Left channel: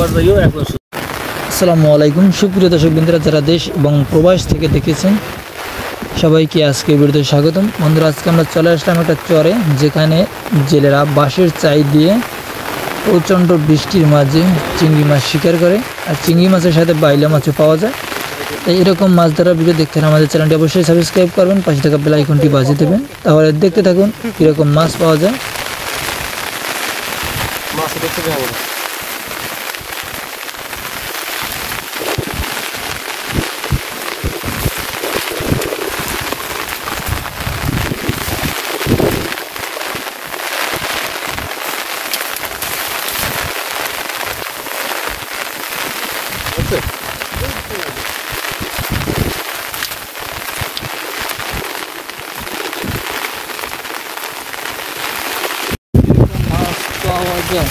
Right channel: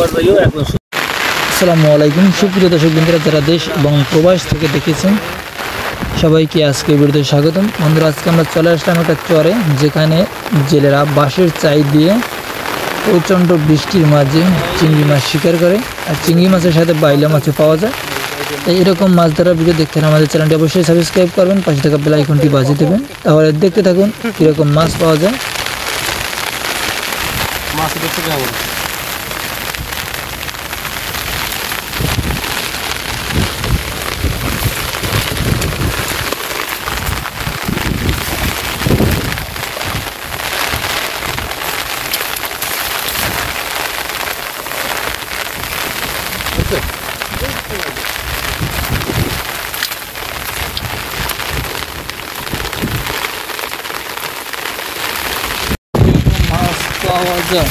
আসসালামু আলাইকুম সুপ্রিয় দর্শক বন্ধুরা, যারা দেশ এবং প্রবাস থেকে দেখেছেন সবাইকে আজকে ভিডিওতে স্বাগতম। বন্ধুরা, আজকে আমরা চলে আসলাম একটা চরে, যেখানে জেলেরা বাঁশের চাই দিয়ে প্রচণ্ড বৃষ্টির মাঝে চিংড়ি মাছ শিকার করে, আর চিংড়ি মাছের সাথে বাইলা মাছও পাওয়া যায়। তাই এরকম মাছ ধরার ভিডিও দেখতে হলে আমাদের চ্যানেলটি অবশ্যই সাবস্ক্রাইব করবেন, পাশে থাকা বেল আইকনটি বাজিয়ে দেবেন, তাহলে দেখতে থাকুন কীরকম মাছ পাওয়া যায়। মাছ পাওয়া যায়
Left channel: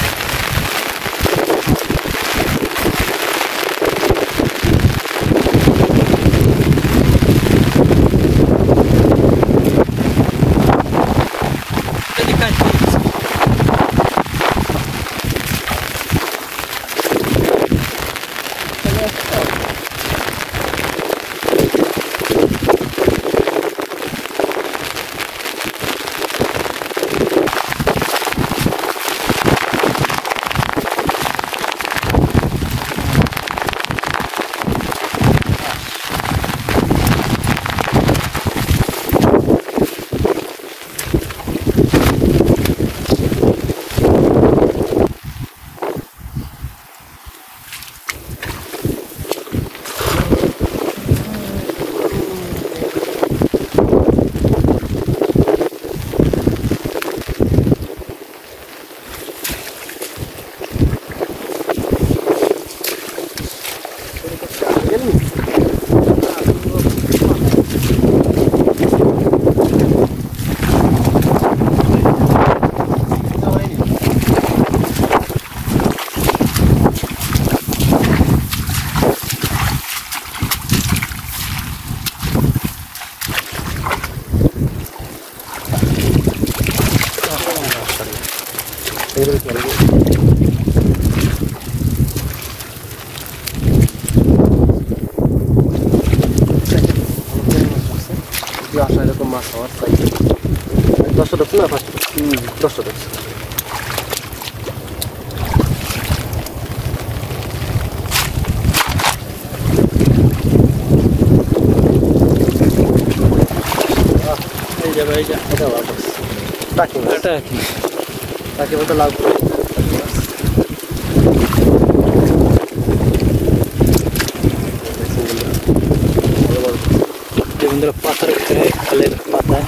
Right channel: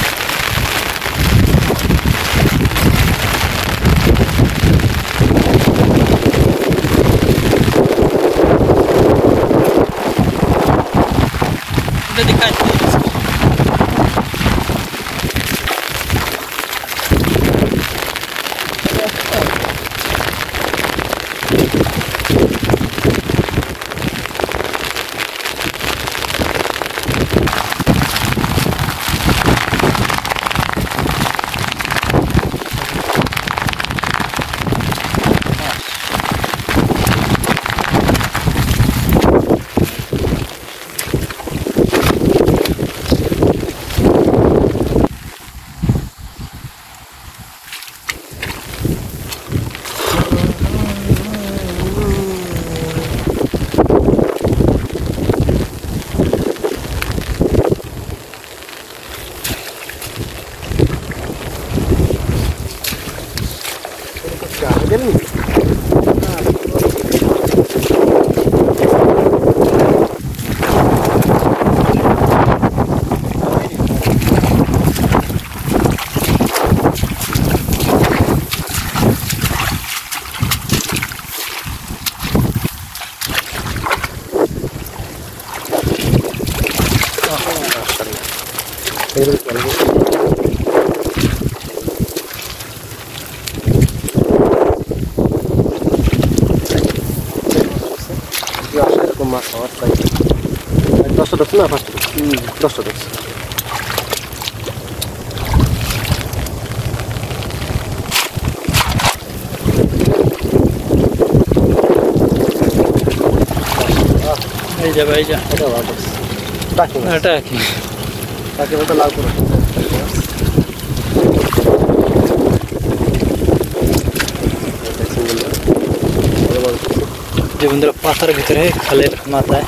বন্ধুরা, পাথার ভিতরে খালের মাথায়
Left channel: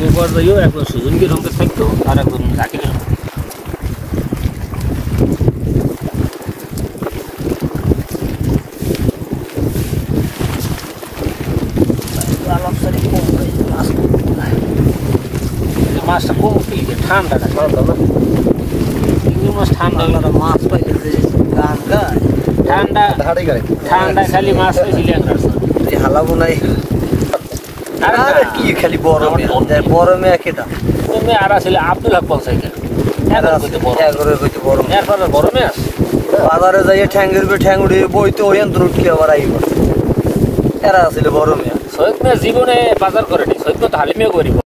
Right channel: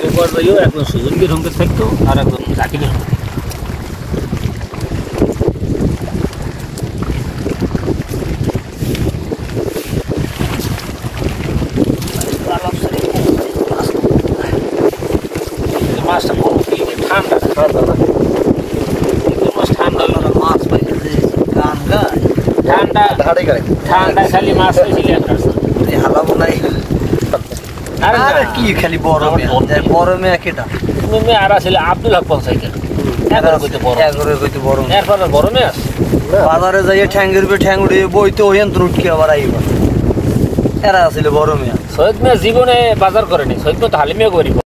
গোবর দিয়েও একদম সুজনকে ঢঙ্কে থাকতো, আর একদম ঝাঁকি মাছটা কম খেয়ে ঠান্ডা মাছ, ঠান্ডা মাছ ঠান্ডা ঠান্ডা খালি মাছ হালাবো নাই কি খালি বড় মেয়ে কেটা মেয়ে আর আসলে আব্দুল হক পঞ্চায়েতের বড় মেয়ে বাজারে যাইয়ে ঠ্যাঙ্গের ঠ্যাং উঠে বইতে ওই উঠকে আবার আইব। এরা আসলে বড় মেয়ে। সৈয়দ মেয়ে জীবনে বাজার করেনি, সৈয়দ মেয়ে তো হালিমিয়া করিব।